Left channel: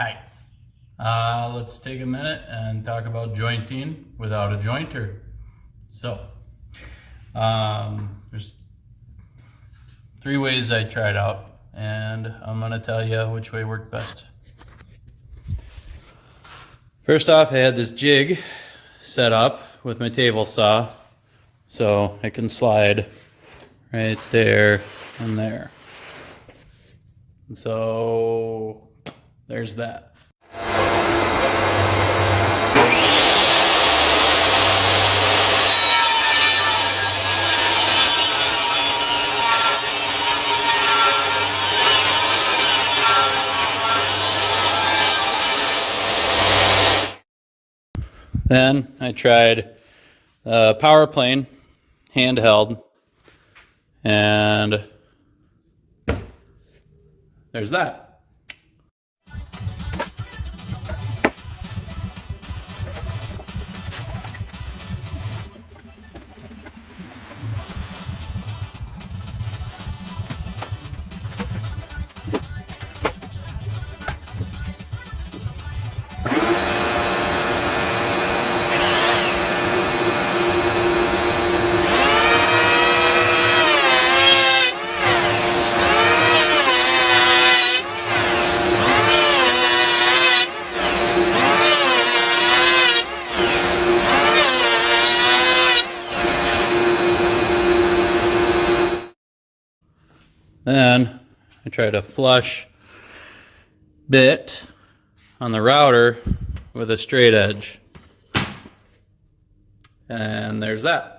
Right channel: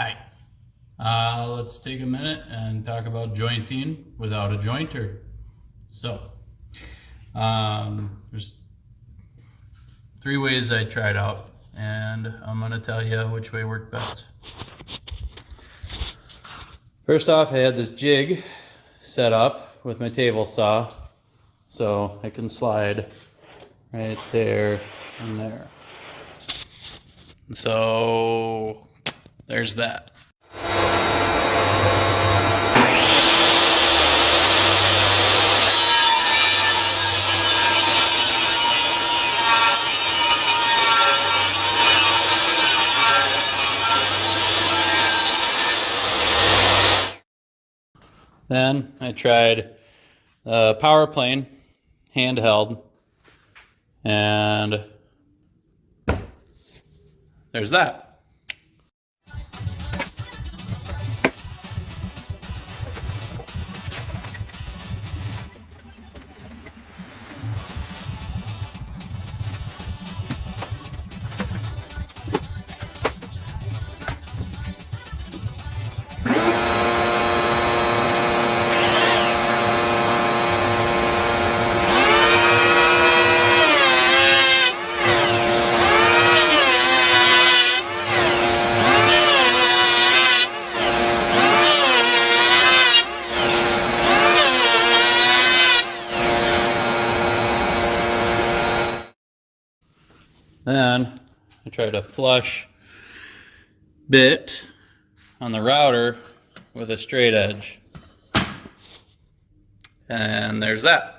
Hi. Let's take a minute and talk about jointing without a jointer. So, there's three ways I tried out, and I'm going to tell you which way worked best. First off, I had this jig set up with my table saw, so I can slide right there and there. So, there's that. Then I tried power plane, handheld, and there's that. Then I tried a flush bit on the router with a straight edge. And there's that.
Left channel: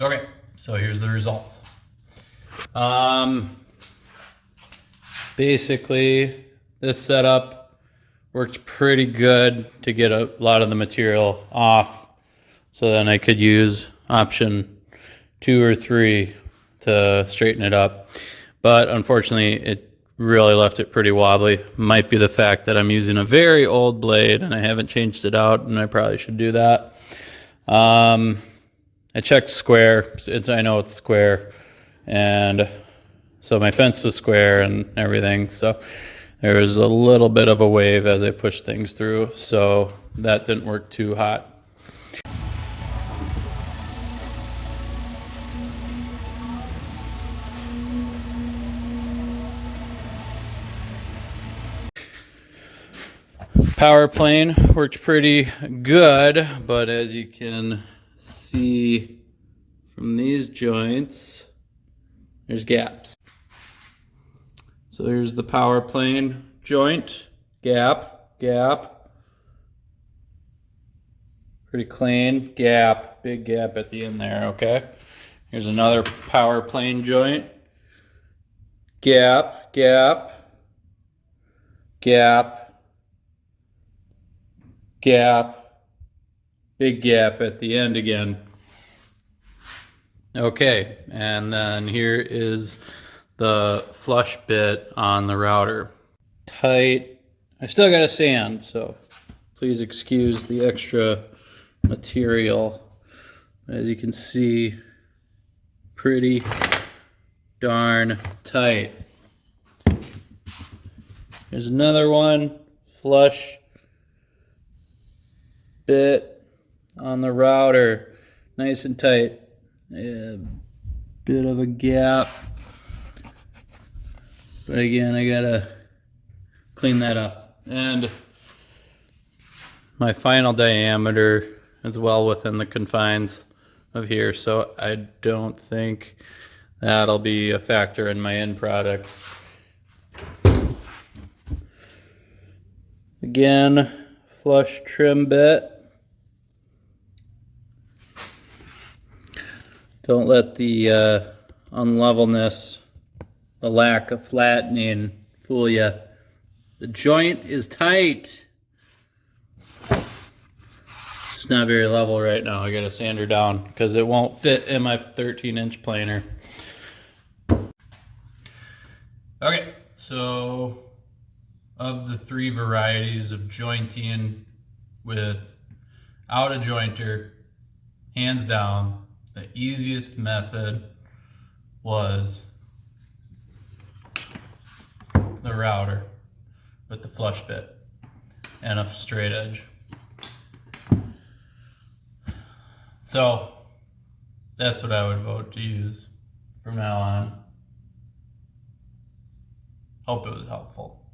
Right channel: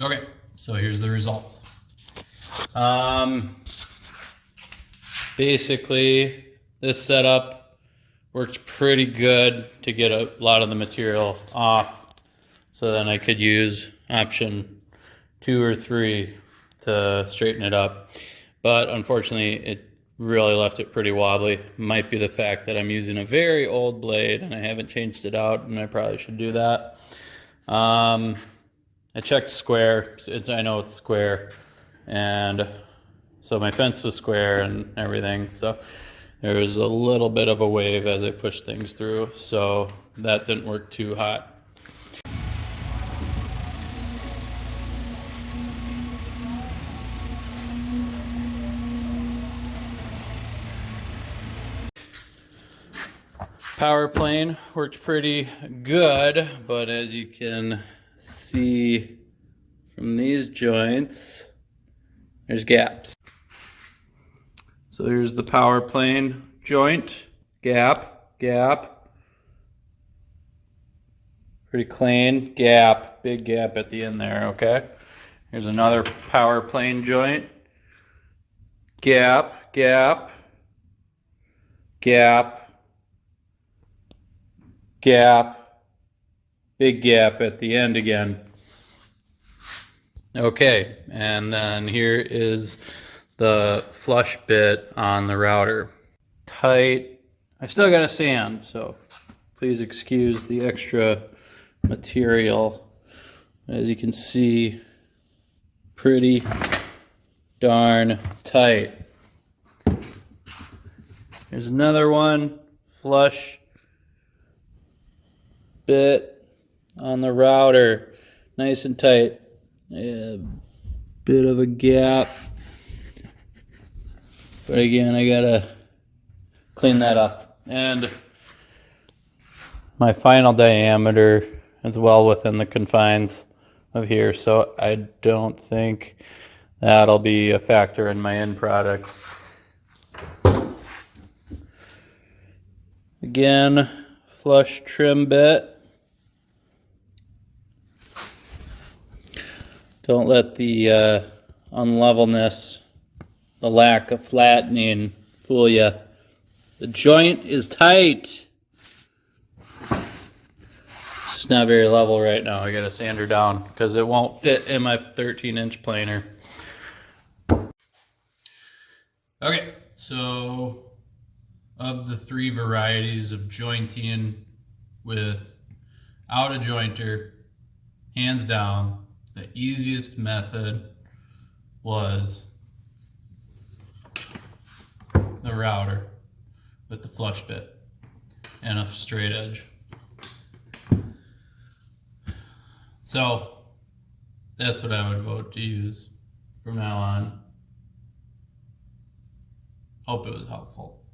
Okay, so here's the results. Basically, this setup worked pretty good to get a lot of the material off, so then I could use option 2 or 3 to straighten it up. But unfortunately, it really left it pretty wobbly. Might be the fact that I'm using a very old blade and I haven't changed it out, and I probably should do that. I checked square. I know it's square, and so my fence was square and everything. So there was a little bit of a wave as I pushed things through, so that didn't work too hot. Power plane worked pretty good, but as you can see from these joints, there's gaps. So here's the power plane joint, gap, pretty clean, gap, big gap at the end there, okay? Here's another power plane joint, gap, big gap at the end again. Okay, and then here is the flush bit on the router. Tight. I still got to sand, so please excuse the extra material. As you can see, pretty darn tight. Here's another one, flush bit on the router, nice and tight. A bit of a gap, but again, I gotta clean that up. And my final diameter is well within the confines of here, so I don't think that'll be a factor in my end product. Again, flush trim bit. Don't let the unlevelness, the lack of flattening fool you. The joint is tight. It's not very level right now. I gotta sand her down because it won't fit in my 13-inch planer. Okay, so of the 3 varieties of jointing without a jointer, hands down, the easiest method was the router with the flush bit and a straight edge. So that's what I would vote to use from now on. Hope it was helpful.